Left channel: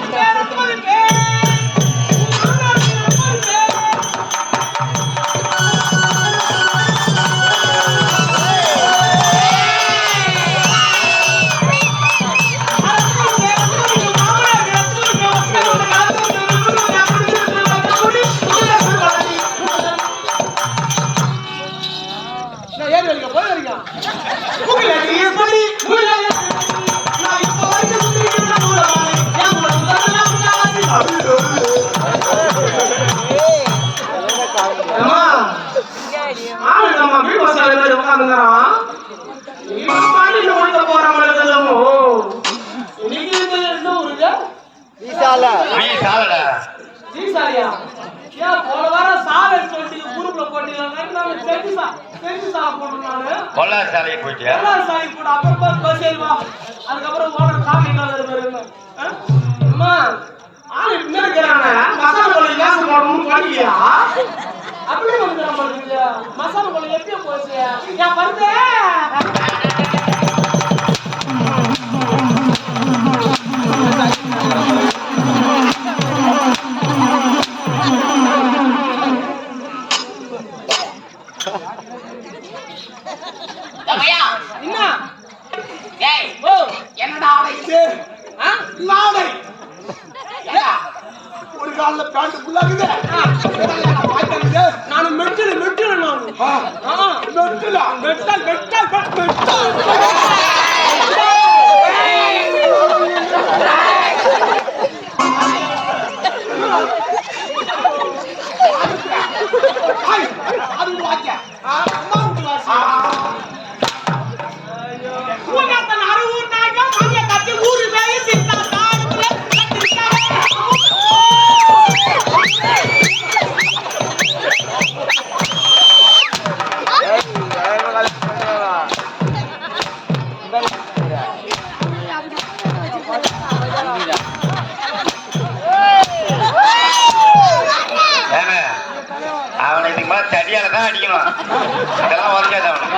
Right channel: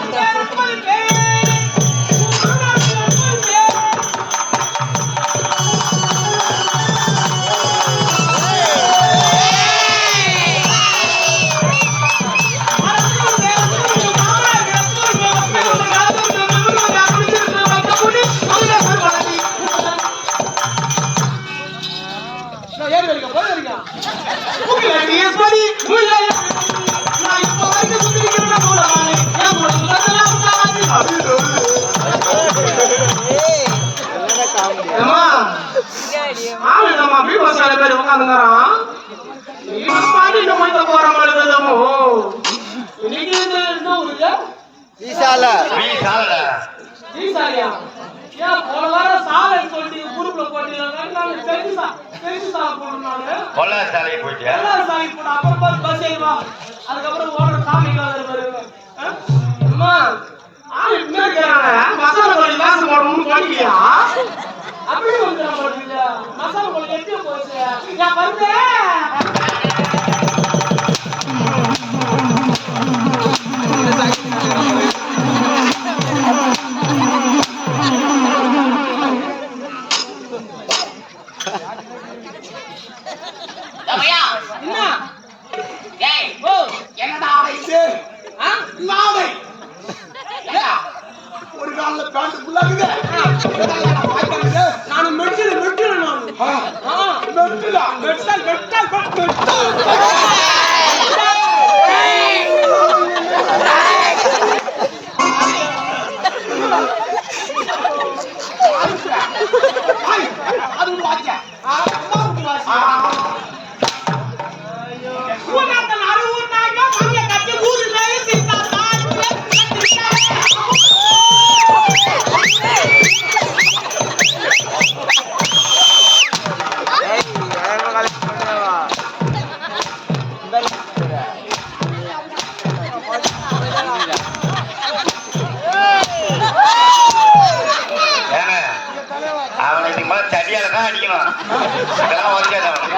Gracias. போட்டீங்க நானு கொள்ளை சாலைக்கு போயிட்டியா? எல்லாம் சாமி அப்புறம் பாரு பஸ் ஏறிவா அதுக்கப்புறம் ஓனர் காஃபி கலர் அம்மா ஆளு என்ன இருக்கிறாங்க மசாலா கொள்ளை காசு போடணும்னு பண்ணியா அப்படியே வந்து நம்ம மசாலா போயிடுச்சு நான் வருதேன் Gracias. தடியால தான் அடிக்கணும். இதெல்லாம் உதைக்காது அவனுக்கு.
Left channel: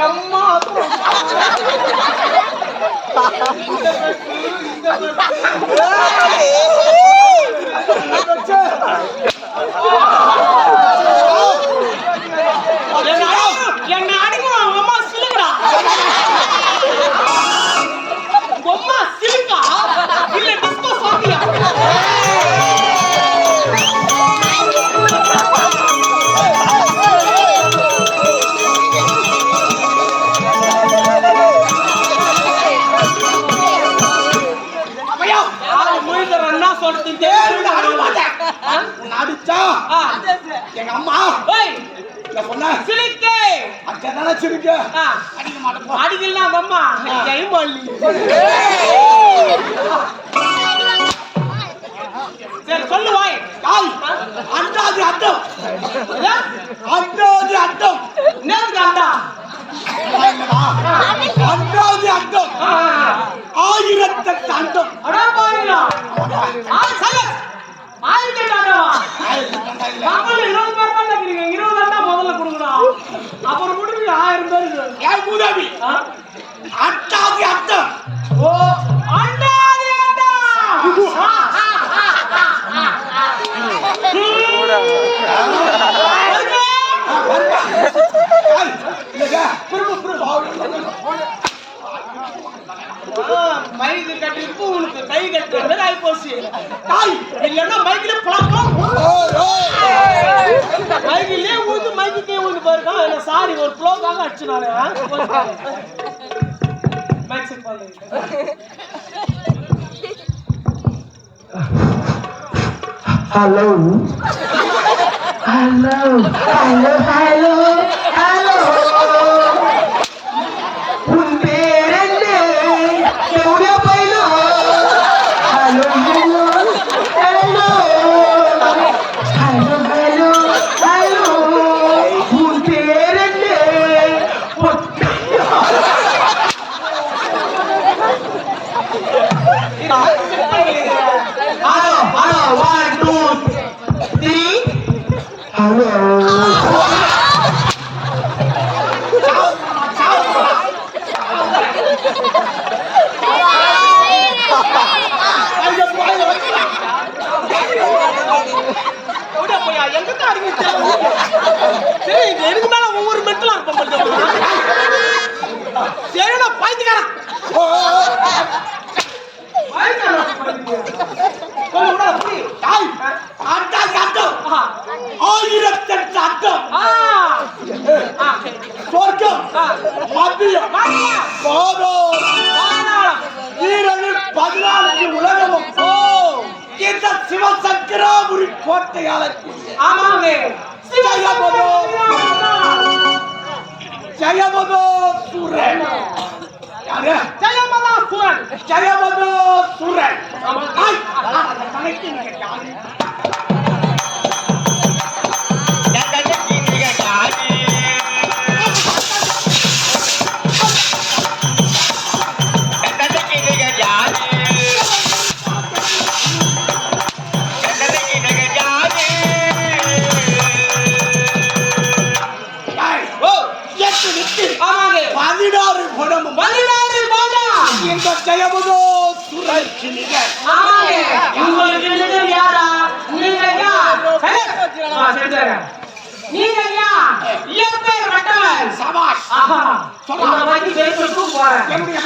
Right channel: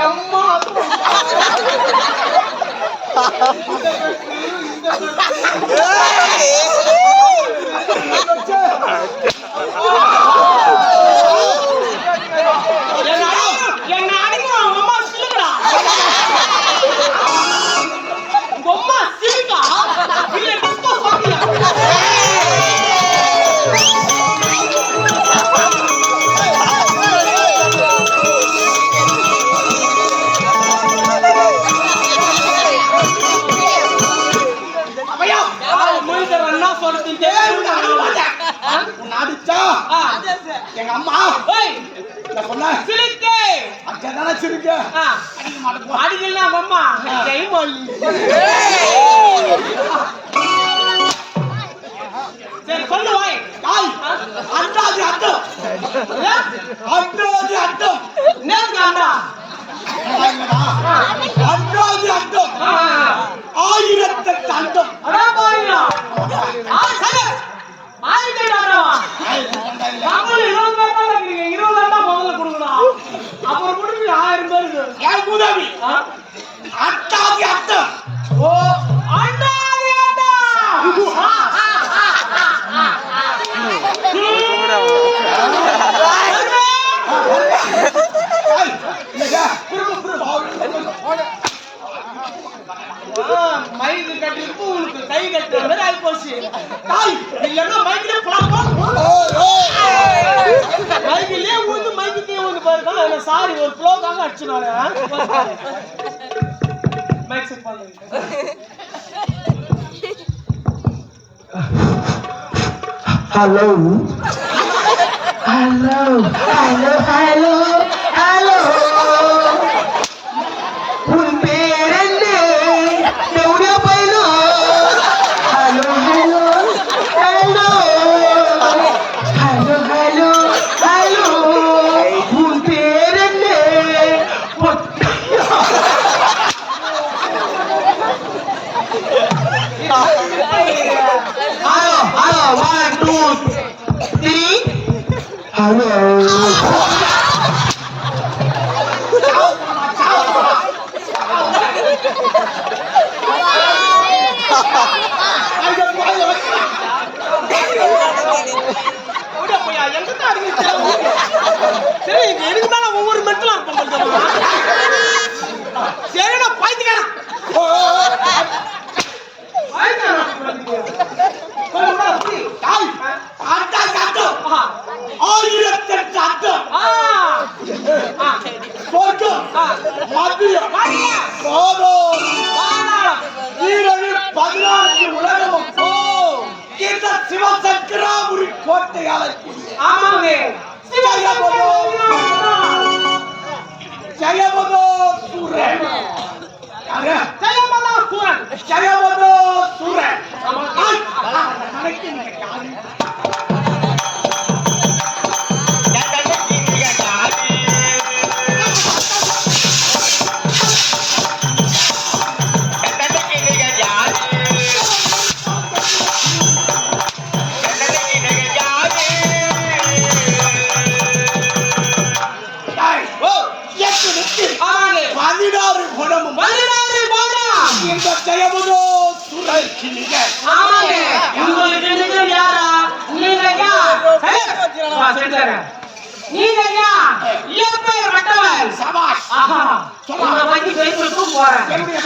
அம்மா உன்னை அடிக்க மாட்டேன். உன்னை அடிச்சா, எங்க அம்மா? சொன்ன? சிலுக்கே அங்கதானே சிரிக்க. அடிக்க மாட்டேன். அடிக்கலாம் அம்மா. சரி சொல்லு வாய். அப்புறம் கொடுக்குறீங்க ஆயிரம் பேருக்கு ஏய், பூதாபி, ஆ? அண்டாதி அட்டம். ஓ அண்டா அது அண்டா ஆ, ஆ, மைக்கு கட்டிருப்பு உனக்கு கை கட்டுற மாதிரி ஆகி போச்சு காய். இல்லைன்னா மைக்கில புலம்பா ஓய், ஓய். மைக்கிலே ஊந்து மைக்கு ஊந்து போயிருக்கான் இல்ல சாரி ஒரு ப்ளோக்காக அடிச்சு நானு மைக் செட் பண்ணுங்க Hello. Hello. Hello. எங்க தான் அறிவிச்சாங்க சரி இது எதுக்கு மேல ஒவ்வொரு மென்டலா இருப்போம் கொஞ்சமா சரி நான் பாய்த்துக்காரன் ஓ, ஓ, பாய்த்துக்காரன் கொஞ்சம் கூட இந்த சிவசக்கராபுரி கோட்டை ஆளக்கூடிய ஆமாங்க ஜெயபதோ ஜெயபதோ சூரன். யாரு? ஜெயமதா சூரன். ஜெயபதோ சூரன். கணக்கு இயற்பெயர் கட்டவன் சபாஷ். ஆஹா. சொல்ல வரைக்கும் பெருமை தூக்க போறேன். என்னுடைய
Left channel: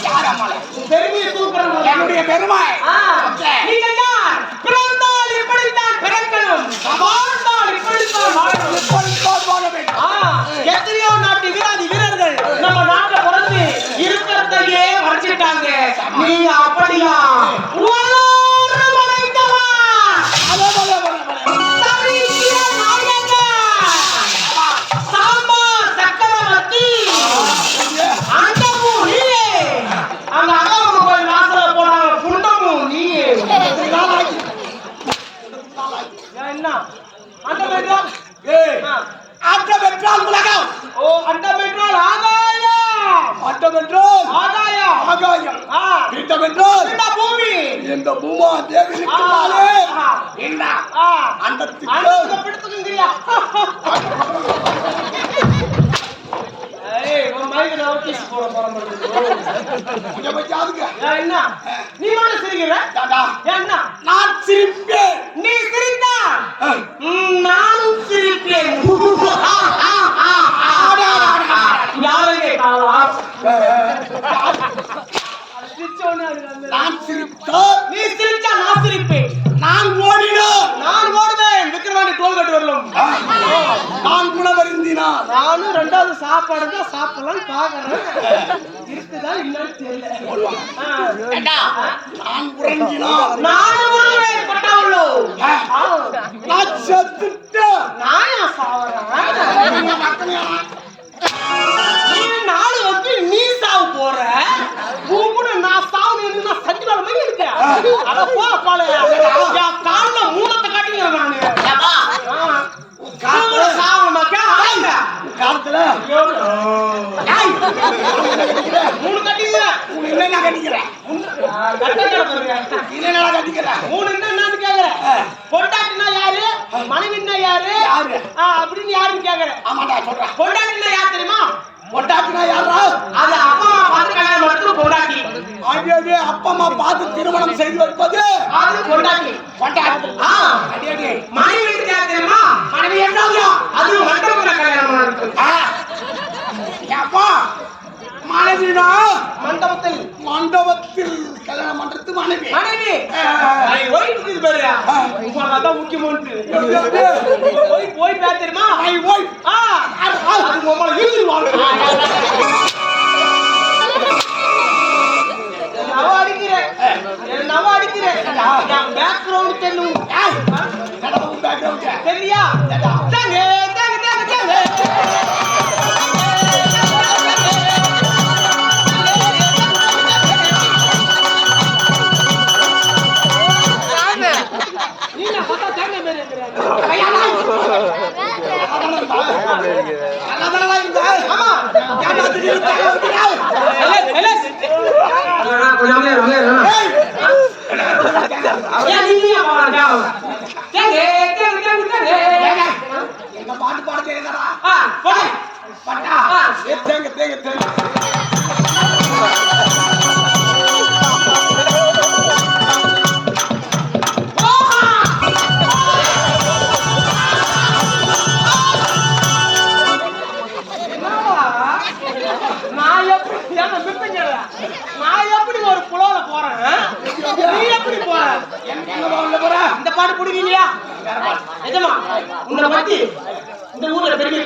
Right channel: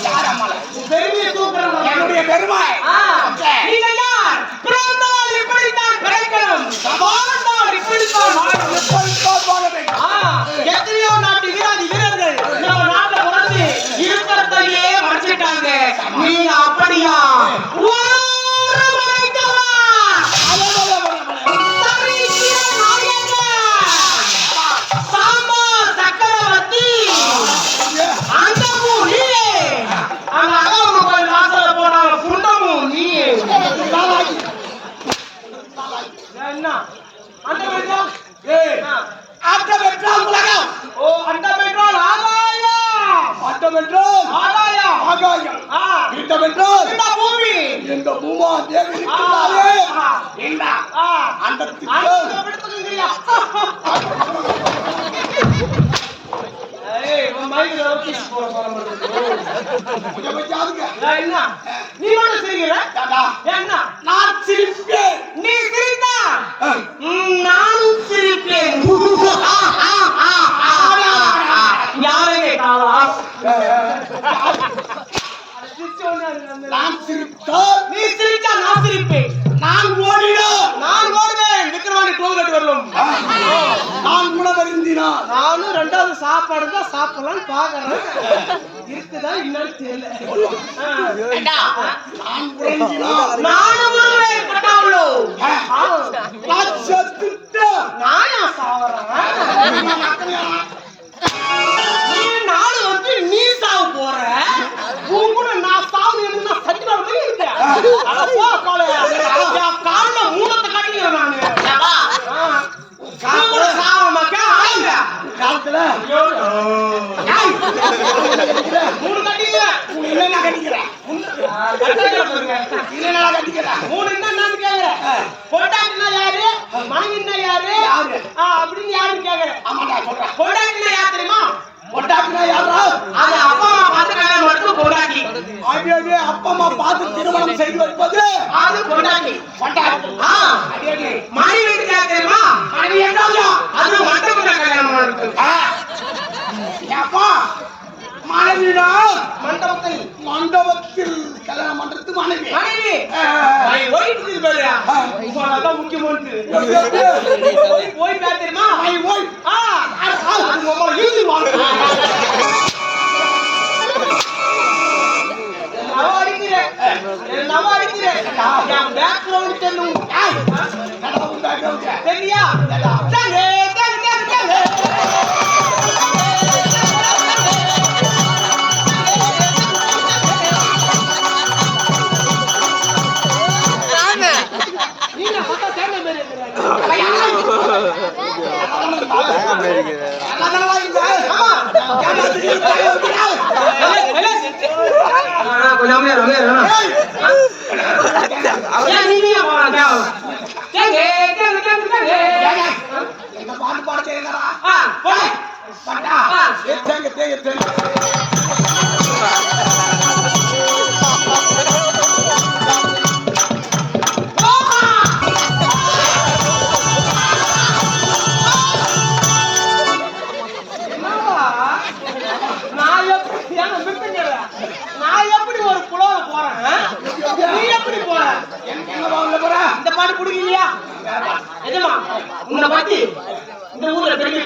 யார் பெருமையை தூக்குறேன் என்னுடைய பெருமாள். ஆ. நீங்க யார்? பிறந்தால் இப்படித்தான் பிறக்கணும். வாழ்ந்தால் இப்படித்தான் வாழணும். எப்படித்தான் வாழ வேண்டும். ஆ, எத்தனையோ நாட்டு வீராதி வீரர்கள் நம்ம நாட்டுல பிறந்து இருக்கிறதையே மறைச்சிட்டாங்க நீங்க அப்படியா? வளர என்றால் உலகம். ஓ அண்டம் என்றால் ஆகாயம். அண்டம் என்றால் ஆகாயம். ஆகாயம். பிண்டம் என்றால் இந்த பூமி. இந்த பூமா தேவி. இந்த அண்டத்துக்கு அண்டத்தை பிடித்துக்குங்கிறியா நீ மட்டும் சிரிக்கிற? என்ன? நான் சிரிப்பேன். நீ. ம், நானும் சிரிப்பேன். யாரும் கேட்டாங்களா நான் சிரித்தால். நீ சிரிச்சா நான் சிரிப்பேன். நான் ஓடினோம். நான் ஓடுவேன். விக்ரவாணி டோல்கேட் வரலும். நான் குணவருந்தினான் நானும் ரெண்டாவது சாப்பாடு தான் சாப்பிடலாம்னு பாக்குறேன் இருக்குதா என்னன்னு தெரியல. நான் ஆ. நான் செத்துட்டேன். நான் சாவறேன்? மாதிரி இருக்கேன் அட போ பால என் கால்ல மூலத்தை காட்டிக்கிறேன் நானு. கூட சாவணுமா கே ஆளுங்க காலத்துல ஏய், கட்டிக்கிற. மூணு கட்டிக்கிறேன்? என்னென்ன கட்டிக்கிற கட்டிக்கிற பாருங்க. என்னென்ன கட்டிக்கிற மூணு என்ன என்னன்னு கேக்குறேன். பொண்டாட்டினா யாரு? மனைவின்னா யாரு? அப்படின்னு யாருன்னு கேக்குறேன். ஆமாடா சொல்றேன். பொண்டாட்டினா யார் தெரியுமா? பொண்டாட்டினா யாரா அது அப்பா அம்மா பார்த்து கல்யாணம் மட்டும் பொண்டாட்டி. அடி அடி அப்பா அம்மா பார்த்து திருமணம் செய்து வைப்பது? அது பொண்டாட்டி. பொண்டாட்டி. ஆ. அடி அடி மனைவி யார் தெரியுமா? மனைவி என்னங்க அது மண்டபத்துல கல்யாணம் பண்ணுறது அப்பா மனைவினா மண்டபத்தில். மண்டபத்தில் கல்யாணம் பண்றது மனைவி. மனைவி. ஆ. ஐ ஒய்ஃப் இது பாரு. அதான் முக்கியமானது ஒய்ஃப் ஒய்ஃப் யார் தெரியுமா? மை ஒய்ஃப் ஆ. அது உங்களை இழுத்து வாங்க. நவ அடிக்கிறேன். நவ அடிக்கிறேன். என் பேக்ரவுண்ட் தெரியும் தெரியா எங்க பாட்டு பாட தெரியுதாடா? பாட்டா? தேங்கு, தேங்கு, தேங்கு. நான் எப்படி ஒரு புலோல போறேன் நீ எப்படி போற? என்ன- என்னவா உள்ள போற? இந்த பாட்டு பிடிக்கலையா? வேற பாட்டு. நிஜமா உன்னை பத்தி இந்த ஊர்ல பெரிய.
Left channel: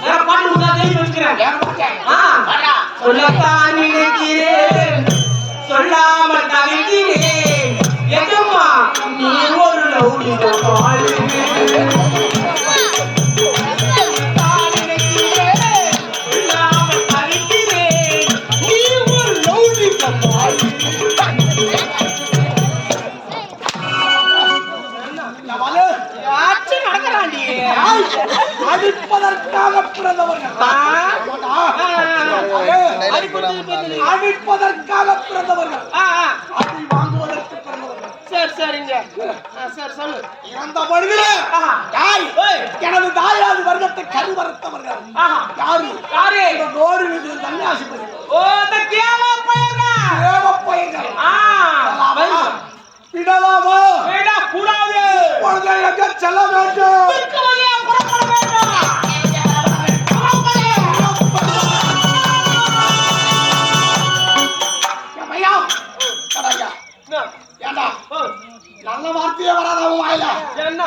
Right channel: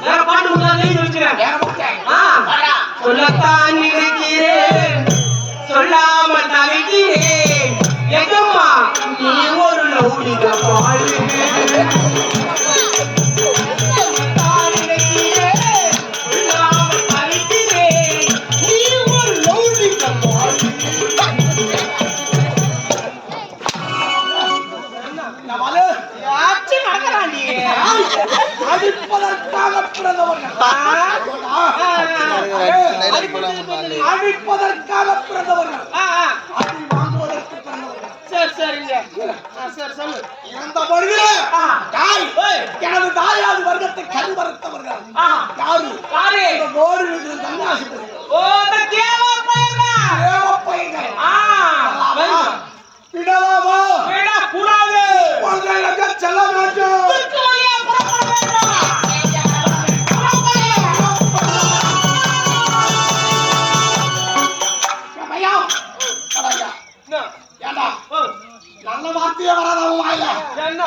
வேற பாட்டு எழுதி வச்சுக்கிறேன். வேற பாட்டு. சொல்லத்தான் நினைக்கிறேன் சொல்லாமல் தவிக்கிறேன். சரி சொல்லு. இறந்த ஆஹா. தாய். எனது தாயாதி வர்க்கத்தை கருவறுத்தவர்கள். யாரு? யாரு? இந்த கோடி பையன் ஓ இந்த தேவ பையங்க தேவப்பையங்கள் ஆ. வருங்க. விடலாமா விட கூடாது. குழந்தைகளுக்கு செல்ல வேண்டும். புறப்பட வேண்டும்? ஏண்டா? நல்ல வார்த்தையே வராத அவன் வாயில. என்ன?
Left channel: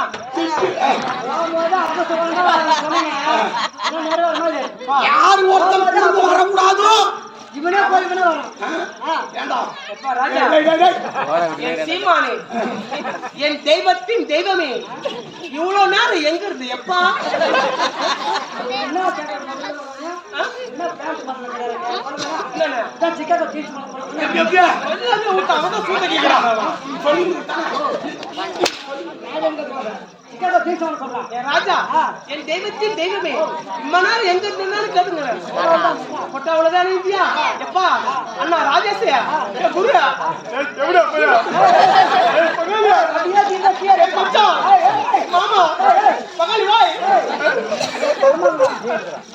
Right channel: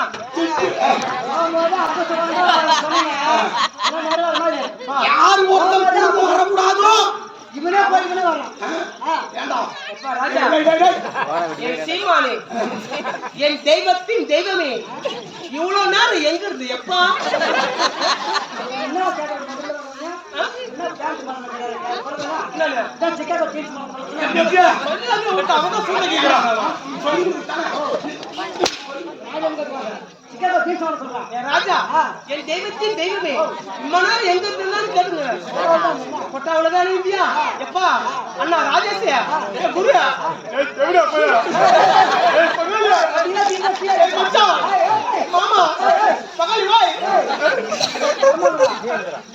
யார் ஒருத்தன் வரக்கூடாதோ? இவனே போய் இவனே வரான். என் சீமானே என் தெய்வத்தின் தெய்வமே இவ்வளவு நேரம் எங்க இருந்து எப்பா? என்ன என்ன பேண்ட் பண்ணல கிடையாது சொல்லுங்க என்னண்ணே? இதான் சிக்காகோ ஜீன்ஸ் பண்ண சொல்லுங்க எப்படி, சொல்லாம விட்டு அவன் சூழ்நிலை கேட்கிறான் சொல்லி கொடுத்தானே. நான் எங்க போறேன் சிக்காகோ என் ராஜா. என் தெய்வத்தின் தெய்வமே. இம்ம நேரம் எங்க இருந்தாலும் கேட்டுங்க? கொட்டா அவ்வளவுதான் இந்தியா எப்பா அண்ணா ராஜேஷ் என் குரு? அப்படியே தீங்க. மாமா. பகாலி வாய்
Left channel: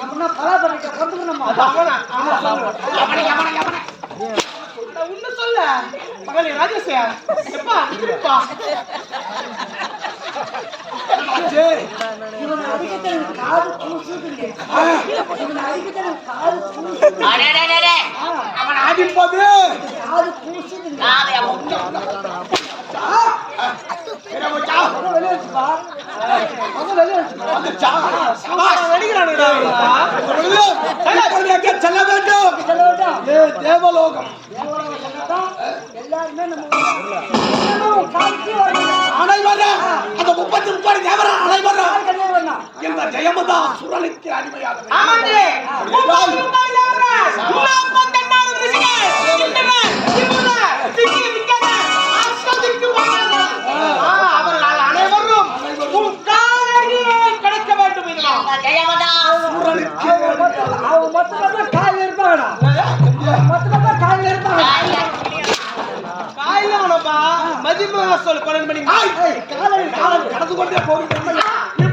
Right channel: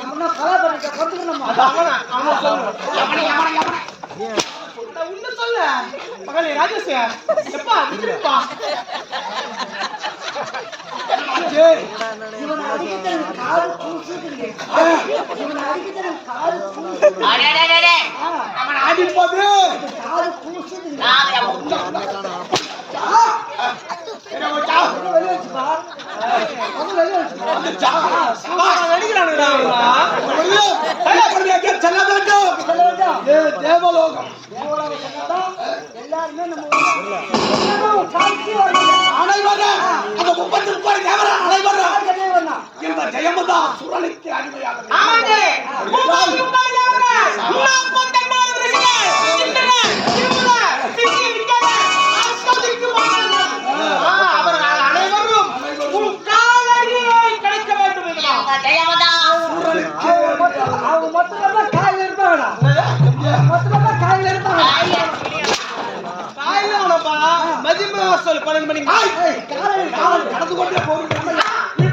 நம்ம பலா பண்ணிக்க கொண்டுக்கணுமா அது அவனா? அவனை சொல்லு. உன்ன பகாலி ராஜேஷ் எப்பா நிக்கிறப்பா? இவனை அடிக்கத்தான் எனக்கு காது கூசுதுங்க ஆ, அடிக்கத்தான் எனக்கு காது கூசுது அவன் அடிப்பது காது வெளியே வச்சுப்பா உங்க வெளியே செல்ல வேண்டும் ஏ தேவலோகம் எல்லாருமே நம்ம அனைவரும் அந்த முப்பத்தி முப்பது அனைவரும் இந்த ஜெயமதா சுரனுக்கு அடிமையாக முப்பத்தி முப்பது அவங்க மொத்தமா காயில் இருப்பாங்கடா மொத்தமா காயில் இருப்பாங்க காயில உனப்பா மதியமா சொல்லு பன்னெண்டு மணி காலையில் காலையில் கடந்து கொண்டே போகிறீங்க